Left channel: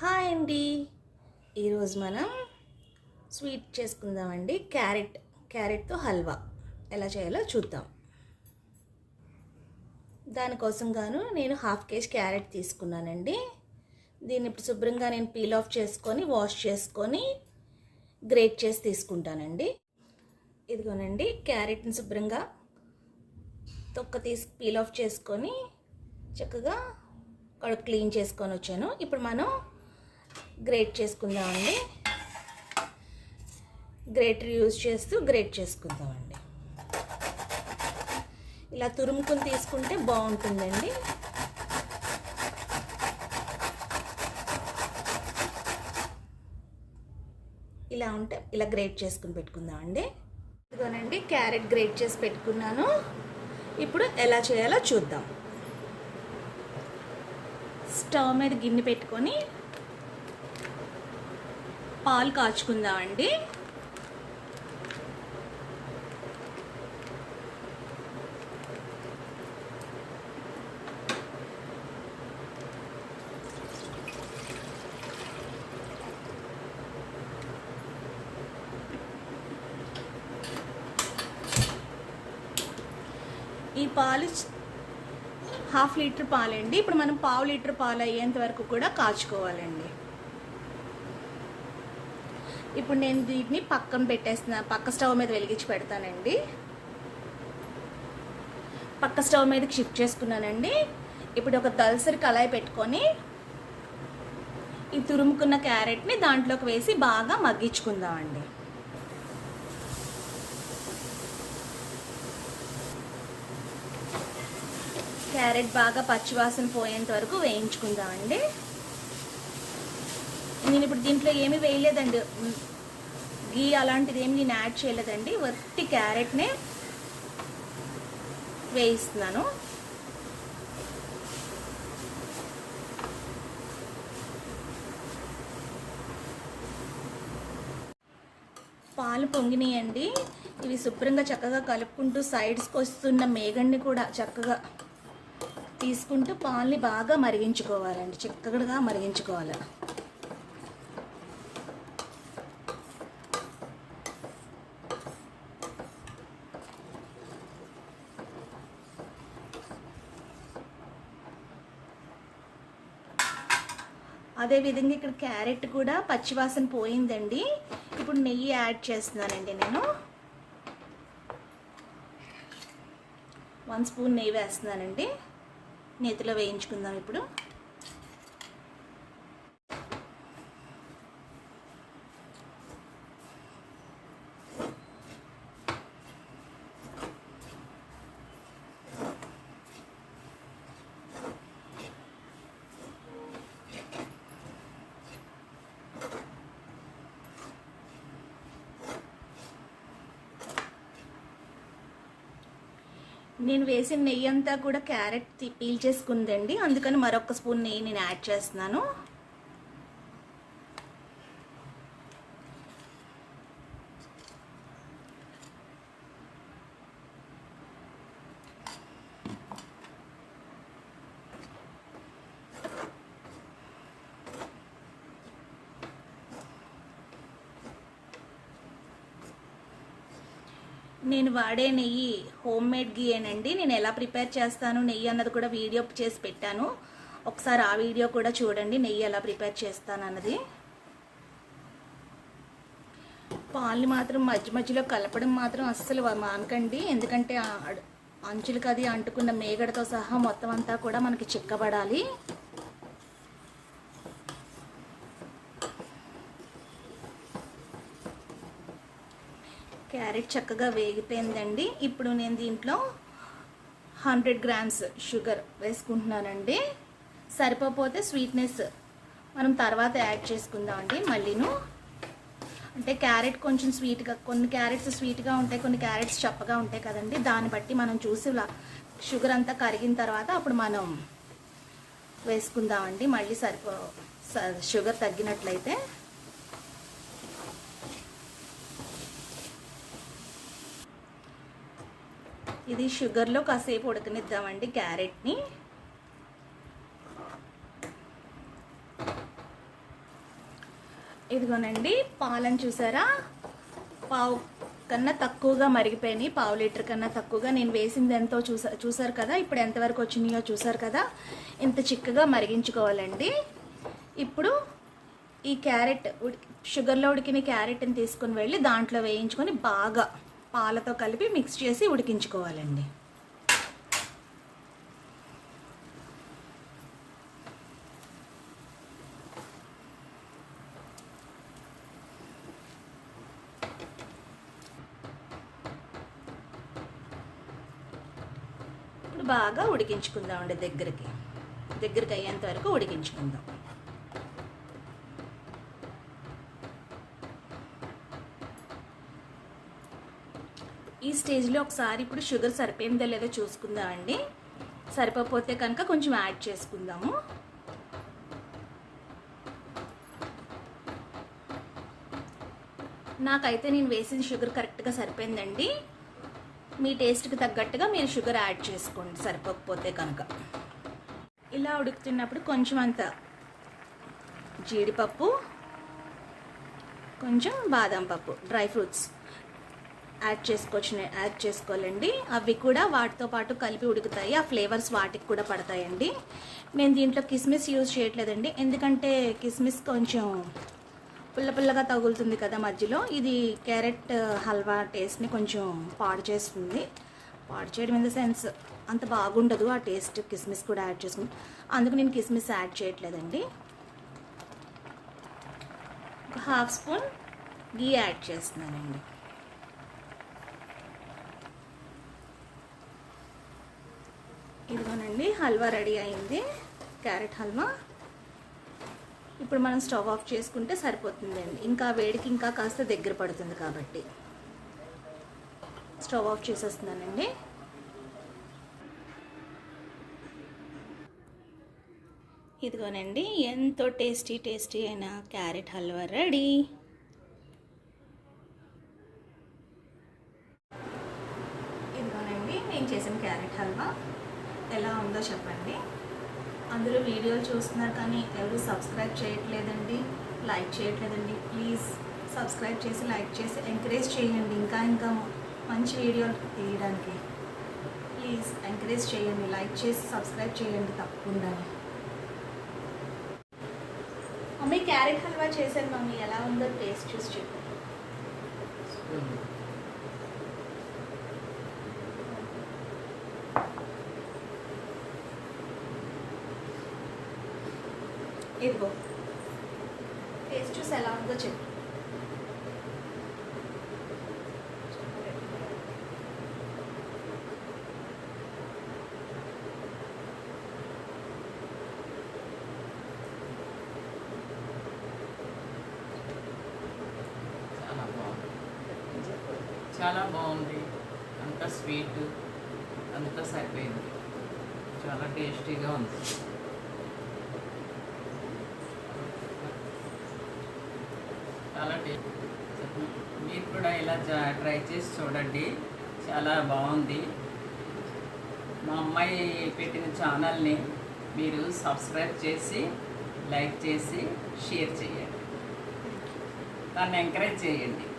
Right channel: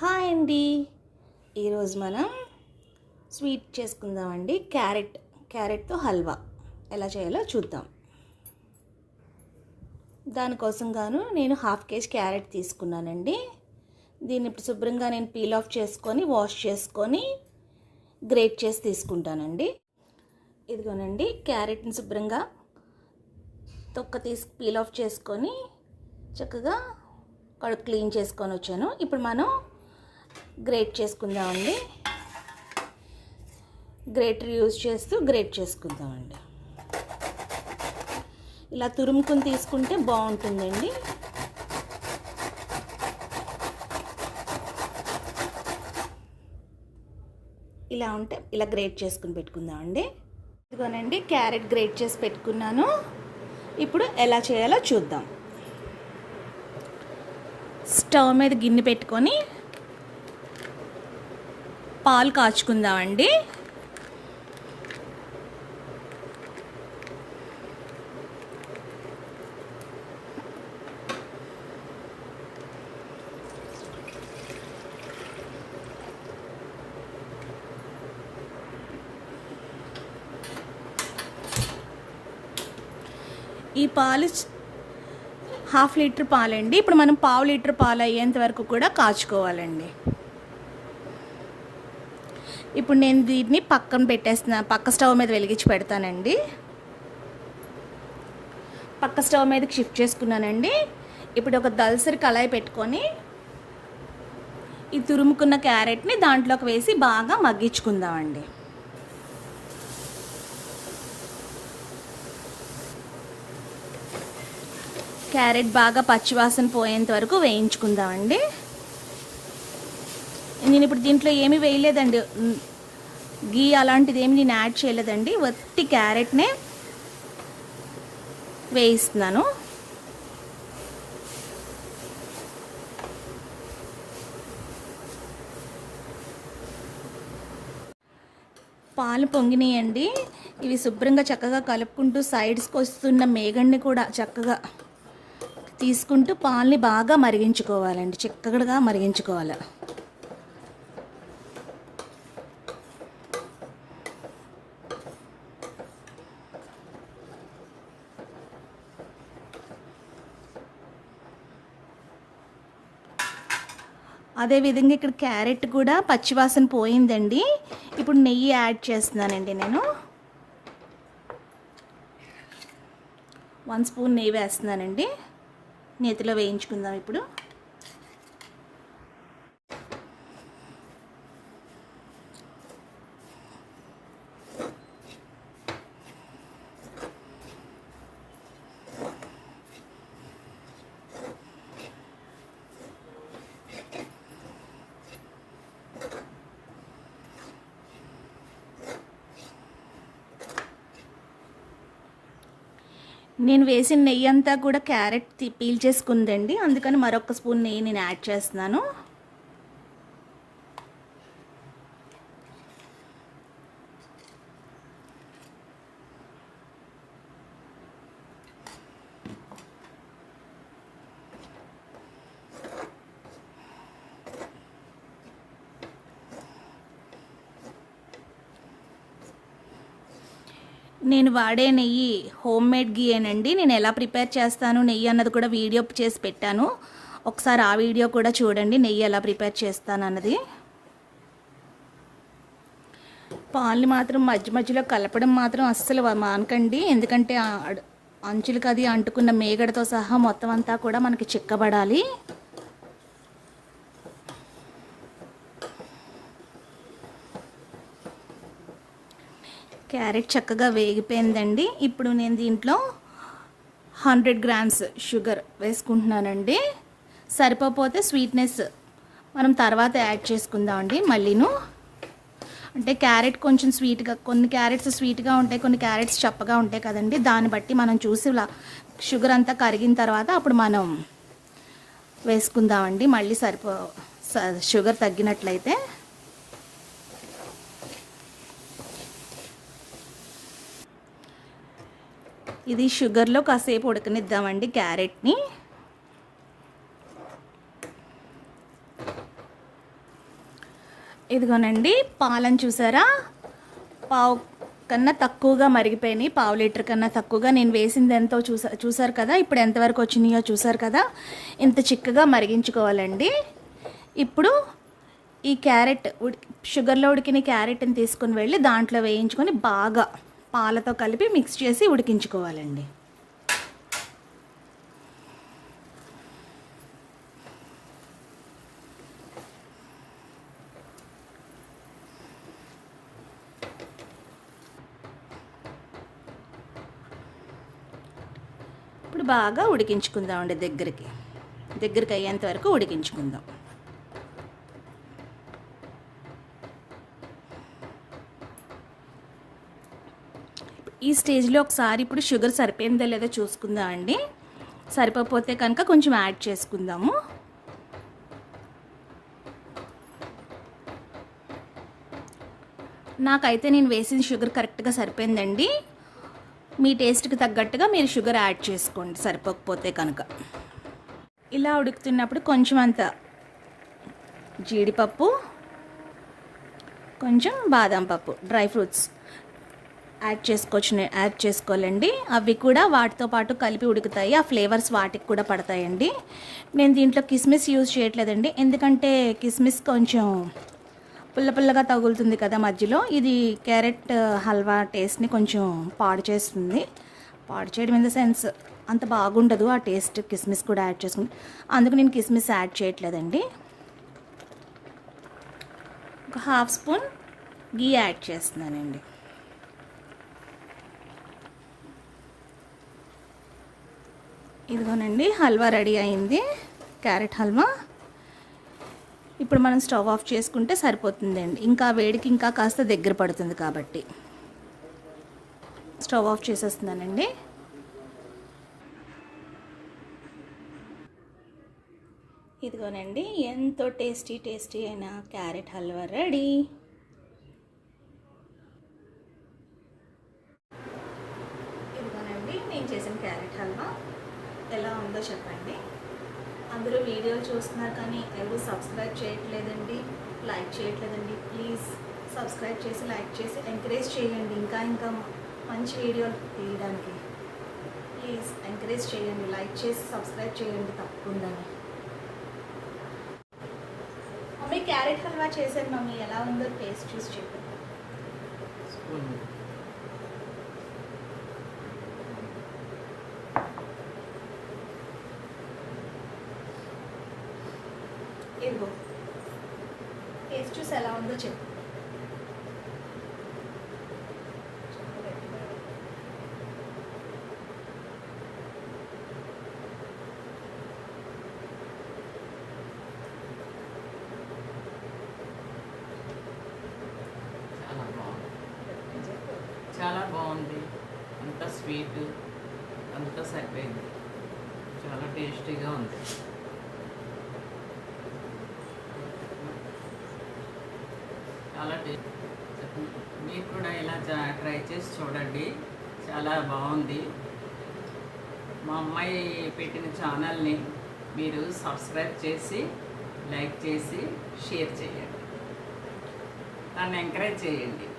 Hi అండి. ఈరోజు మనం స్వీట్ చేసుకుందామండి. క్యారెట్ క్యారెట్తో హల్వా. ఎలా చేయాలో చూద్దాం. దానికోసం గాను నేను హాఫ్ కేజీ క్యారెట్ తీసుకున్నానండి. దీన్ని ఇప్పుడు శుభ్రంగా నేను పీల్ ఆఫ్ చేసుకొని వాష్ చేసుకొని గ్రేట్ చేసి తీసుకుంటానండి. ఇదిగోనండి క్యారెట్ని శుభ్రంగా తొక్క తీసి పీల్ ఆఫ్ చేసుకొని చక్కగా కడుపు క్లీన్ చేసుకొని వచ్చాను. ఇప్పుడు మనం గ్రేట్ చేసుకుందామండి. గ్రేటర్ యూజ్ చేస్తూ గ్రేట్ చేసుకుందామండి. ఇలా తురుముకుని తీసుకుంటే బాగుంటుందండి. ఇలా ఉంటే ఇలా గ్రేట్ చేసుకుని పెట్టుకుందామండి. ఇదిగోనండి క్యారెట్ గ్రేట్ చేసి పెట్టుకున్నాను. ఇప్పుడు ఎలా చేయాలో చూద్దాం. స్టవ్ మీద గిన్నె పెట్టుకొని పాలు కాచుకుందామండి. ఈ పాలు హాఫ్ లీటర్ పాలండి. ఇప్పుడు మనం పావు లీటర్ పాలు అయ్యేంత వరకు కూడా కాచుకోవాలండి. ఇప్పుడు నేను దీన్ని పక్కన పెట్టేస్తున్నా. పక్క స్టవ్ మీద వెలిగించి పెడతానండి. పక్క స్టవ్ మీదకి షిఫ్ట్ చేసుకున్నానండి. ఇప్పుడు ఒక దల్సరి కళాయి పెట్టుకొని ఈ తురుముకున్న క్యారెట్ని దాంట్లోకి వేసి బాగా మగ్గించుకుందామండి. క్యారెట్ బాగా పచ్చివాసన పోయేంత వరకు వేయించుకుందామండి. ఇప్పుడు దీంట్లో ఏమీ వేయలేదండి. గీ అలాంటిది ఏమి నేను యాడ్ చేయలేదండి. వత్తి క్యారెట్నే వేయిస్తున్నాను. పాలు పొంగినాయండి. ఇవి శుభ్రంగా చక్కగా కలుపుకుంటూ సైడ్స్కి వస్తున్న మేగడిని కూడా చక్కగా తీసుకుంటూ పాలని బాగా మరిగించుకోవాలండి. చక్కగా మరిగించుకోవాలి. అదేవిధంగా ఇక్కడ క్యారెట్ కూడా పచ్చివాసన పోయిందండి. ఇప్పుడు నెయ్యి యాడ్ చేస్తున్నానండి నేను. వన్ స్పూన్ నెయ్యి వేస్తున్నానండి. నేతిలో వేయించుకుందాం ఇప్పుడు. నేను వేసిన నెయ్యి అంతా కూడా క్యారెట్ తి- పీల్ చేసుకుందండి. అందుకని మరొక స్పూన్ నెయ్యి నేను యాడ్ చేస్తున్నాను. నేను వాడే నెయ్యి హోమ్ మేడ్ గీయేనండి నేను ఎలా ప్రిపేర్ చేస్తాను నెయ్యి అన్నది కూడా వీడియో చేసి పెట్టాను. ఒకసారి ఆ వీడియో కూడా చూడండి నెయ్యి ఎలా ప్రిపేర్ చేస్తాను అన్నది. పాలు మాత్రం మధ్య మధ్యలో కలపడం మాత్రం అస్సలు మానకండి. ఎందుకంటే ఆ అంచులకు అది అంటుకున్న మేగడతో సహా మొత్తం అంతా కూడా మనకి చిక్కబడాలి. క్యారెట్ చక్కగా వేగిపోయిందండి. ఇప్పుడు నేను దీంట్లో హండ్రెడ్ గ్రామ్స్ షుగర్ వేసుకుంటున్నానండి. సరిపోతే స్వీట్నెస్ మనం తర్వాత యాడ్ చేసుకుందామండి. మళ్ళీను అంటే క్యారెట్ కొంచెం స్వీట్గా కొన్ని క్యారెట్స్ స్వీట్గా ఉంటాయి కొన్ని క్యారెట్స్ చప్పగా ఉంటాయి కదండి. దాన్ని బట్టి మనం చూసి ఇలా షుగర్ అంతా కరిగిన తర్వాత అప్పుడు మనం వేసుకుందామండి. మళ్ళీ సరిపో స- షుగర్ తగ్గినట్లయితే. ఇది షుగర్లో కాసేపు ఉడకనిద్దామండి క్యారెట్ని. ఇదిగోనండి పాలను చూసారా? పావు కన్నా తక్కువగా మరిగిపోయినాయి పావు లీటర్ కన్నా తక్కువగా. నేను వేసింది ఎంతో చూసా చూసారు కదా? ఇప్పుడు ఎంతవరకు వచ్చినాయో చూసారు కదా? ఇంత చిక్కగా మరిగించుకోవాలండి. ఇప్పుడు ఈ క్యారెట్ ఉడి షుగర్లో ఉడికిన క్యారెట్ని తీసుకుని వెళ్ళి దాంట్లో వేయించుకొని బాగా పాలతో కలిపి మిక్స్ చేసి ఉడికించుకోవాలండి. ఇప్పుడు బాగా ఉడికించుకుందామండి దగ్గరికి. దగ్గరికి అయ్యేంత వరకు ఉడికించుకుందాం. ఈ స్టేజ్లో ఒకసారి ఇప్పుడు షుగర్ సరిపోయిందో లేదో చూసుకుందామండి సరిపోతే కనుక కొంచెం యాడ్ చేసుకుందాము. నాకైతే నేను వేసిన షుగర్ కరెక్ట్గా సరిపోయిందండి. మీ టేస్ట్కి తగ్గట్టుగా మీరు షుగర్ యాడ్ చేసుకోండి సరిపోకపోతే కనుక. ఇలా ఉడుకుతున్నప్పుడు కొంచెం అంత జీడిపప్పు కొంచెం బాదం పప్పు డ్రై ఫ్రూట్స్. యాడ్ చేసుకోవచ్చు యాడ్ చేసుకోవాలండి. అవి కూడా వాటితో పాటు కలిపి ఉడుకుతాయి. ఆ ఫ్లేవర్స్ వాటికి కూడా పడతాయండి. నేను దీంట్లో కిస్మిస్ యూజ్ చేయట్లేదండి. ఎందుకంటే కిస్మిస్ కొంచెం పుల్ల పుల్లగా తగులుతుంది కదా మధ్యలో. ఇది క్యారెట్ హల్వా టేస్ట్ని కొంచెం పాడు చేస్తుంది. పాడు చేయడం ఇన్ ద సెన్స్ అంత బాగుండదు ఆ టేస్ట్ కిస్మిస్ కూడా యాడ్ చేసుకుంటే అందుకు నేను కిస్మిస్ యాడ్ చేయట్లేదండి. ఒక హాఫ్ స్పూన్ గీ యాడ్ చేస్తున్నానండి. ఇదిగోనండి హల్వా రెడీ అయింది. క్యారెట్ హల్వా. ఇప్పుడు మనం స్టవ్ ఆఫ్ చేసుకుంటే సరిపోతుందండి. ఇంకా వేడికి ఇంకా కాస్త దగ్గర పడుతుంది కాబట్టి. స్టవ్ ఆఫ్ చేసేస్తున్నానండి. ఇదిగోనండి ఎంతో టేస్టీ టేస్టీ అయిన క్యారెట్ హల్వా రెడీ. ఇదిగోనండి నేను చేసిన క్యారెట్ హల్వా. ఎలా ఉందో చెప్పండి. అందరూ వీడియోలు చూస్తున్నారు కానీ ఎవరు సబ్స్క్రైబ్ చేయట్లేదండి లైక్ చేయట్లేదండి ప్లీజ్ సబ్స్క్రైబ్ చేసి లైక్ చేసి ఎంకరేజ్ చేయండి. ఇంకా ఇంకా మంచి వీడియోలు తీయడానికి. ప్లీజ్ ఎంకరేజ్ చేయండి లైక్ చేసి సబ్స్క్రైబ్ చేయండి తప్పకుండా మమ్మీ క్యారెట్ హల్వా చేశాను మమ్మీ. ఎలా ఉందో టేస్ట్ చూసి చెప్పండి. ఇదిగో. టేస్ట్ చూసి ఎలా ఉందో చెప్పు. చాలా బాగుంది. చాలా బాగుంది. అంత స్వీట్ అంత సరిపోయింది. చాలా టేస్టీగా ఉంది. చాలా టేస్ట్. మీరు కూడా ఇలా జా- ట్రై చేసి చూడండి. చాలా బాగుంది. మా అమ్మాయి పెట్టిన ఛానల్ని మీరు సబ్స్క్రైబ్ చేసి లైక్ చేసి షేర్ చేయండి. దాన్ని ఎంకరేజ్ చేయండి.